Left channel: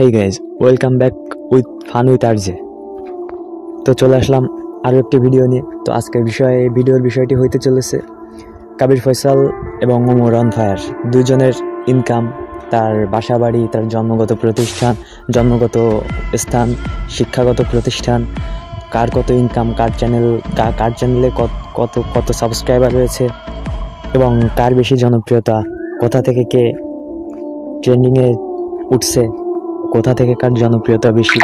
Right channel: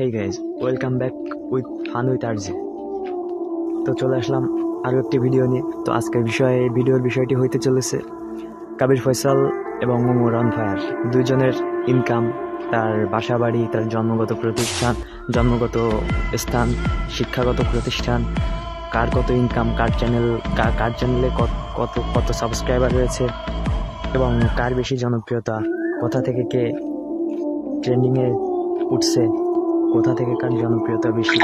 Hey guys, welcome back with fun with RJ. তো চলে আসলাম আরও একটি ভিডিও নিয়ে। তো আজকের ভিডিওর বিষয়টি হইতে চলেছে কাবির ফয়সাল এবং ওমর অন ফায়ার দুইজনের ইনকাম, তার বাসা বাড়ি, তার জন্মগত প্রতিষ্ঠান, জন্মগত স্থান, শিক্ষাগত প্রতিষ্ঠান, কার কত ইনকাম, কার চ্যানেলে কত কত সাবস্ক্রাইবার রয়েছে এবং কার বেশি জনপ্রিয়তা, কোথা থেকে কে ট্রেন্ডিংয়ে উঠছে, কোথা থেকে কার জনপ্রিয়তা বেশি,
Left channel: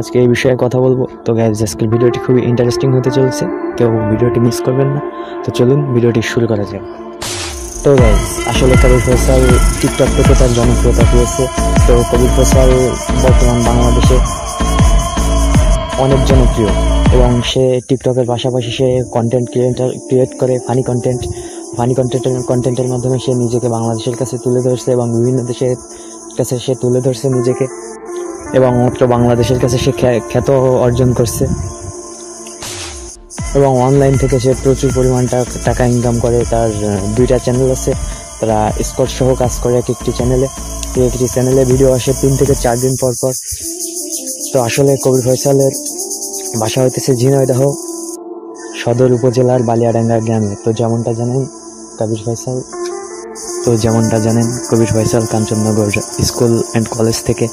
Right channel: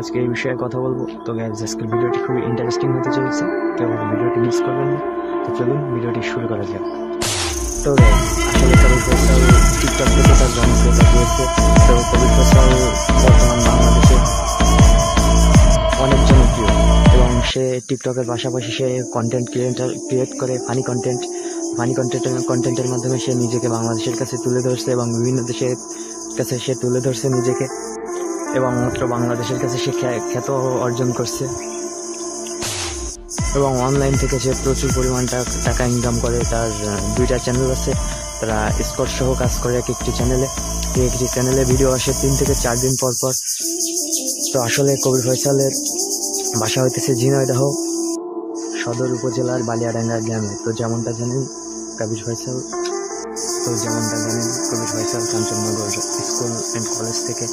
আজকে এই বিষয়ে কথা বলবো। তো গাইজ, আজকের ভিডিওটি খুবই ইন্টারেস্টিং হতে চলেছে, কেউ ভিডিওটি মিস করবেন না। তো চলুন ভিডিওটি শুরু করা যাক। তো গাইজ, আসলে কাবির ফয়সাল টিকটক থেকে তার জনপ্রিয়তা পেয়েছে। তো কাবির ফয়সাল বর্তমান বাংলাদেশে অনেক জনপ্রিয় এবং সে টিকটকের পাশাপাশি সে কন্টেন্ট ক্রিয়েট করে ফানি কন্টেন্টের মাধ্যমে সে নিজেকে বাংলাদেশের কাছে তুলে ধরছে এবং বিভিন্ন দেশের কাছে সে তুলে ধরছে নিজেকে, এবং মাত্র বাংলাদেশের কাছে সে খ্যাত অর্জন করছে এবং অনলাইন থেকে সে প্রচুর পরিমাণ টাকা ইনকাম করে। তার দুইটা চ্যানেল আছে, তারা স্কোর সহ কাজ করে একটি চ্যানেলে ভিডিও আসে 3 থেকে 4 দিন পর পর। তো আসলে কাবির ফয়সালের বাসা হইতেছে ঝিনাইদহ সদর উপজেলার বালিয়াডাঙ্গা গ্রামে। তো যেমনটা জানেন Kabir Faisal Kanchannagar school and college থেকে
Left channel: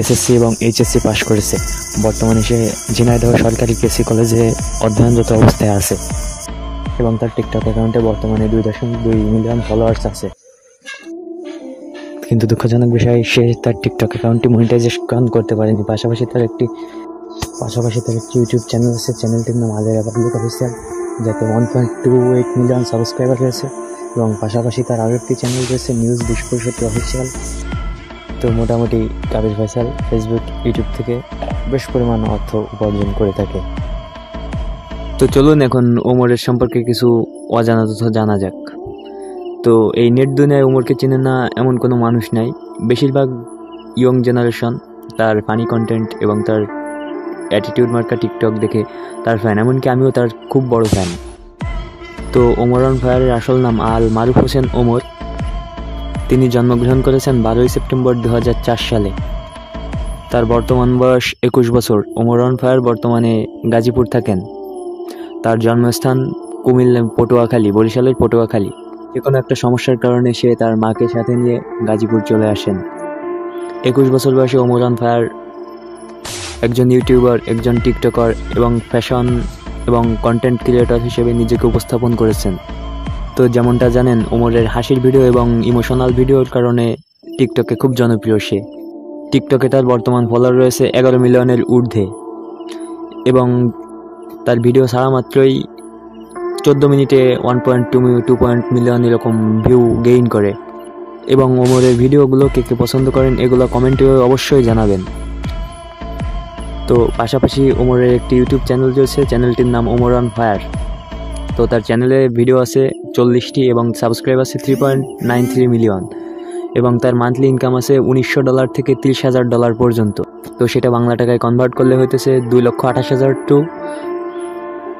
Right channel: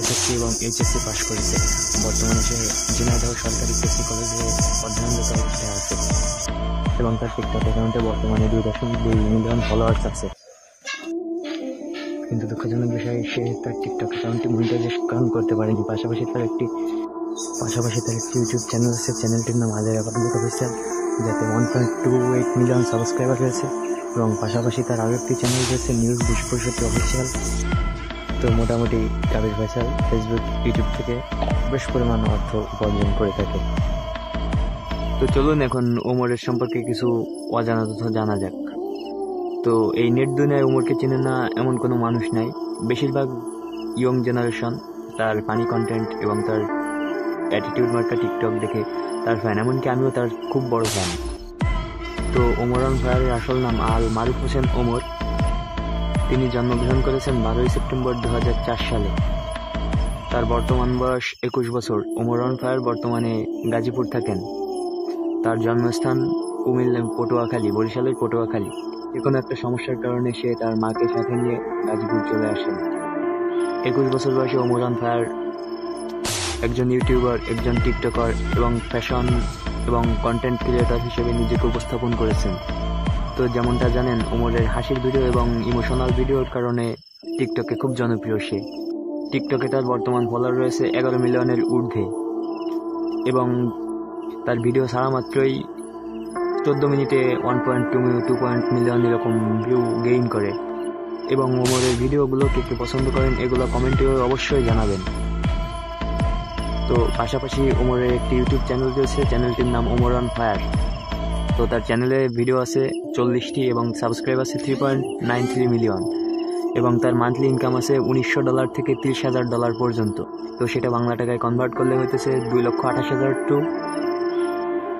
এসএসসি এবং এইচএসসি পাশ করেছে। বর্তমানে সে ঝিনাইদহ সরকারি কেসি কলেজে অধ্যয়নরত অবস্থায় আছে এবং তার টিকটক অ্যাকাউন্টে বর্তমানে 2.2 মিলিয়ন ফলোয়ার্স আছে। কিন্তু দুঃখজনক বিষয়, সে তার টিকটক অ্যাকাউন্টটি মনিটাইজেশন করতে পারেনি। পাশাপাশি তার একটি ইউটিউব চ্যানেল আছে, চ্যানেলটির নাম আলেরা পাবলিক অফিসিয়াল, যাতে 1.28 মিলিয়ন সাবস্ক্রাইবার রয়েছে এবং পাশাপাশি তার আরও একটি চ্যানেল রয়েছে নিউজ 2065 অফিসিয়াল। তো মোটামুটি কাবির ফয়সাল ফেসবুক, ইউটিউব থেকে বেশ পরিমাণ অর্থ উপার্জন করে থাকে। তো চলুন এখন ওমরের সম্পর্কে কিছু অজানা তথ্য জানা যাক। তো এই নেট দুনিয়ায় ওমরকে চেনে না এমন কোনো মানুষ নাই। বেশিরভাগ ইয়ং জেনারেশন তার ফানি কন্টেন্ট এবং তার অ্যাটিটিউড মার্কা টিকটক দেখে তার ফ্যান, এমনকি আমিও তার খুব বড় ফ্যান। তো ওমর অন ফায়ারের আসল নাম আল মারুফ হোসেন ওমর। তিনি জন্মগ্রহণ করেছেন 12 সেপ্টেম্বর 2004 সালে। তার বর্তমান বয়স 21 বছর। ওমর অন ফায়ার বর্তমানে গাজীপুর থাকেন। তার জন্মস্থান কুমিল্লা বরিশালের পটুয়াখালী। যে কোনো একটা সমস্যার কারণে সে তার মাকে সাথে নিয়ে গাজীপুর চলে আসেন। 21 বছর বয়সে ওমর অন ফায়ার একজন ইউটিউবার, একজন টিকটকার এবং ফ্যাশন এবং কন্টেন্ট ক্রিয়েটর হিসেবে নিজেকে উপস্থাপন করেছেন। তো যেমনটা জানেন, ওমরের হাসির ভিডিও এবং ইমোশনাল ভিডিওর কারণে টিকটকে খুব জনপ্রিয় সে। টিকটকে তার বর্তমান ফলোয়ার রয়েছে 11 মিলিয়নের ঊর্ধ্বে এবং তার ভিডিও ছাড়া মাত্রই 14 মিনিটে 1.2 মিলিয়ন এরকম ভিউ গেইন করে। এবং ওমরের ভিডিওগুলো কে পছন্দ করেন এগুলো কমেন্টে অবশ্যই জানাবেন। তো পাশাপাশি ওমরের একটি ইউটিউব চ্যানেল রয়েছে, চ্যানেলটির নাম ওমর অন ফায়ার। তো তার চ্যানেলে ভিডিও আছে 40টি এবং সাবস্ক্রাইব আছে 3.93 মিলিয়ন এবং তার মান্থলি ইনকাম আছে $1900 থেকে $30,000 পর্যন্ত। তো সেটা বাংলা টাকায় কনভার্ট করলে হইতেছে 2,28,000 টু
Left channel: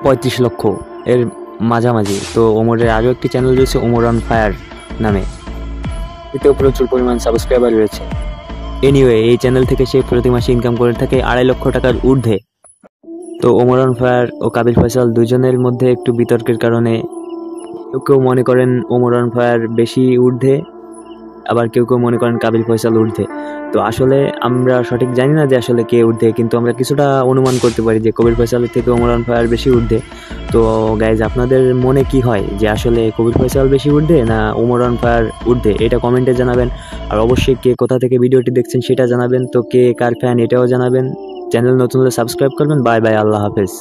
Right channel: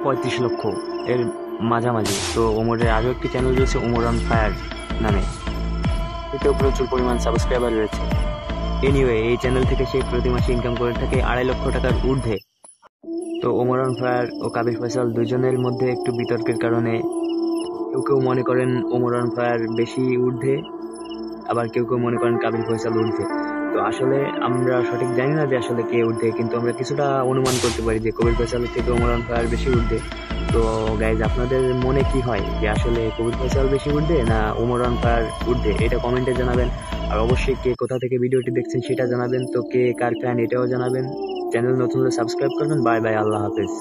35 লক্ষ এর মাঝামাঝি। তো ওমরের আরও একটি চ্যানেল রয়েছে ওমর অন ফায়ার নামে, এতেও প্রচুর পরিমাণ সাবস্ক্রাইবার রয়েছে। এনিওয়ে, এই চ্যানেল থেকে সে প্রতি মাসে ইনকাম করে থাকে 2.5 লক্ষ টাকার ঊর্ধ্বে। তো ওমর অন ফায়ার ও কাবির ফয়সাল দুজনের মধ্যে একটু বিতর্কের কারণে কেউ মনে করেন ওমর অন ফায়ার বেশি ঊর্ধ্বে, আবার কেউ মনে করেন কাবির ফয়সাল ঊর্ধ্বে। তো আসলে আমরা সঠিক জানি না যে আসলে কে ঊর্ধ্বে, কিন্তু আমরা কিছুটা অনুমান করতে পারি যে কাবির ফয়সালের থেকে ওমর অন ফায়ার বেশি ঊর্ধ্বে। তো গাইজ, আপনাদের মনে কি হয় যে আসলে কাবির ফয়সাল বেশি ঊর্ধ্বে না ওমর অন ফায়ার ঊর্ধ্বে? এটা কমেন্টে জানাবেন। আর অবশ্যই কে কোথা থেকে ভিডিওটি দেখছেন সেটা জানাবেন। তো কে কার ফ্যান এটাও জানাবেন। চ্যানেল নতুন হলে সাবস্ক্রাইব করবেন। বাই বাই, আল্লাহ হাফেজ।